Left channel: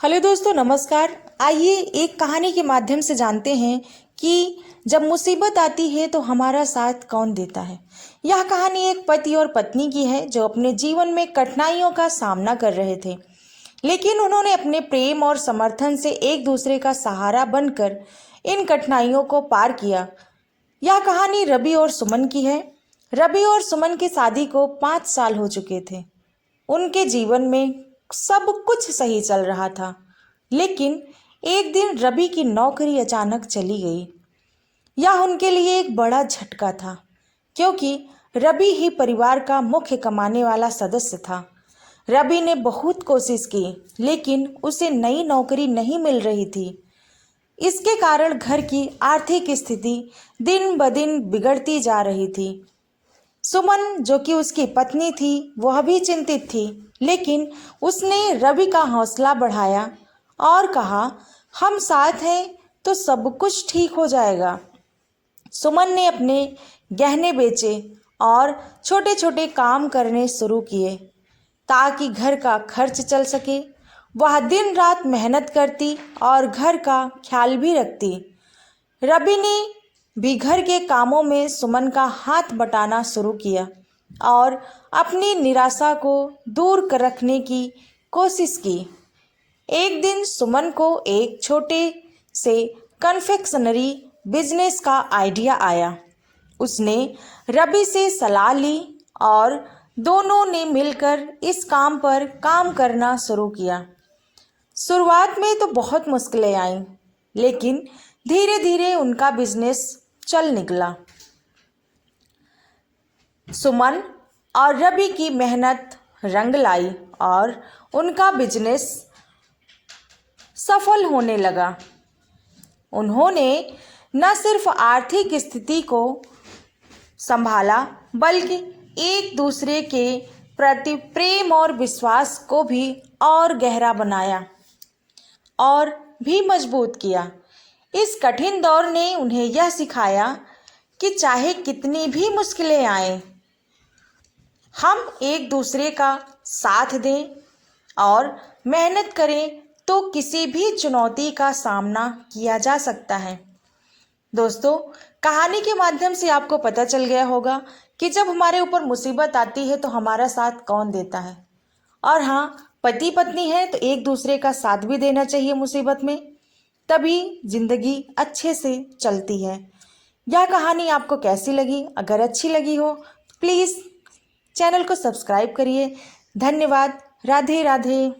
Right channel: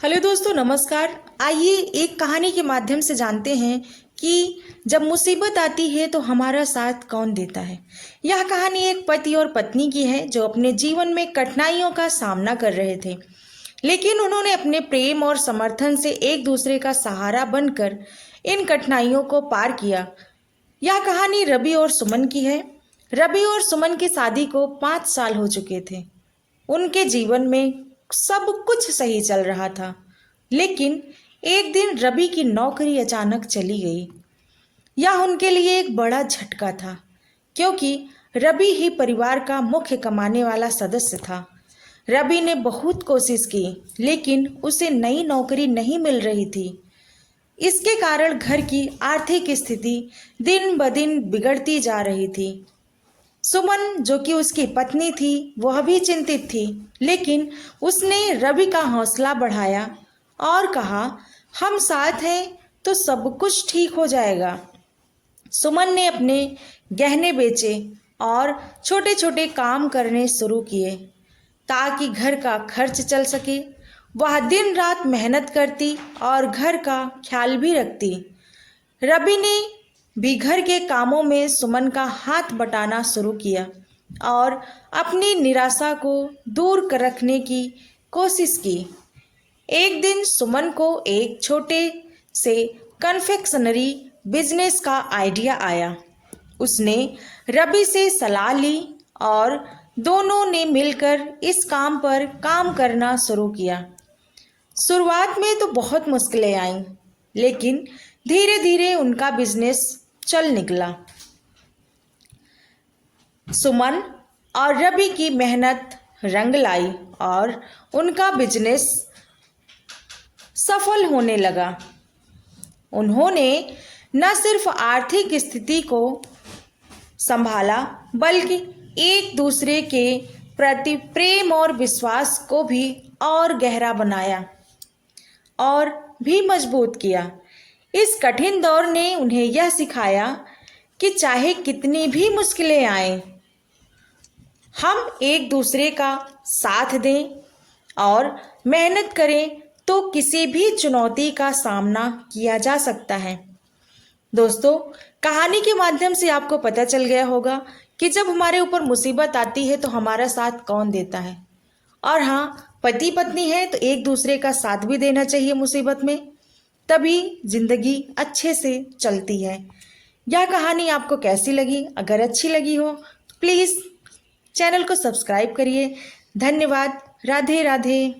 Hello दोस्तों, नमस्कार। आइए एक कहानी के माध्यम से जानते हैं कि जब मुसीबत आती है तो हमारा साथ कौन देता है। यह कहानी एक पति और पत्नी की है जो अपने जीवन में कठिनाइयों का सामना कर रहे थे, लेकिन उन्होंने अपने प्रेम और समर्थन से एक दूसरे का सहारा बनकर इन कठिनाइयों को पार किया। यह कहानी रवि और सुमन की है। रवि और सुमन की शादी को 5 साल हो चुके थे। उनके जीवन में सब कुछ सही चल रहा था, लेकिन एक दिन रवि की नौकरी अचानक चली गई। यह उनके लिए एक बड़ा झटका था, क्योंकि रवि ही परिवार का मुख्य कमाने वाला सदस्य था। रवि ने बहुत कोशिश की, लेकिन उसे नई नौकरी नहीं मिल रही थी। इसके कारण घर की आर्थिक स्थिति दिन ब दिन बिगड़ती जा रही थी। सुमन, जो कि उसकी पत्नी थी, वह भी चिंतित थी, लेकिन उसने रवि का हौसला बढ़ाया और कहा, हम साथ हैं तो सब कुछ ठीक हो जाएगा। सुमन ने अपने गहने बेचे और छोटे छोटे काम करने शुरू किए ताकि घर का खर्च चल सके। वह दिन रात मेहनत करती और घर का ख्याल भी रखती। रवि ने भी घर के कामों में सुमन का हाथ बटाना शुरू किया और अपनी निराशा को दूर कर रखने की कोशिश की। एक दिन सुमन को एक छोटे से कन्फेक्शनरी बिजनेस का आइडिया आया। उसने रवि से सलाह ली और दोनों ने मिलकर इस काम पर काम करना शुरू किया। शुरुआत में तो बहुत मुश्किलें आईं, लेकिन धीरे धीरे उनका बिजनेस चल निकला। सुमन और रवि की मेहनत रंग लाई और उनका बिजनेस सफल होने लगा। उन्होंने न सिर्फ आर्थिक स्थिति को संभाला, बल्कि एक दूसरे के प्रति प्रेम और विश्वास को भी और गहरा बनाया और भी मजबूत किया। इस कठिन दौर ने उन्हें यह सिखाया कि चाहे कितनी भी मुश्किलें आएं, हम एक दूसरे का साथ दें और मेहनत करें तो किसी भी चुनौती का सामना किया जा सकता है। दोस्तों, कहानी के माध्यम से आपको पता चल गया होगा कि जब हमारे ऊपर मुसीबत आती है तो हमारा साथ कौन देता है। और हाँ, पति पत्नी है तो एक दूसरे का साथ भी देना चाहिए मुसीबत में, तभी जिंदगी अच्छे से चलती है। यह कहानी आपको कैसी लगी? अगर अच्छी लगी हो प्लीज़ चैनल को सब्सक्राइब करिए। धन्यवाद। राधे राधे।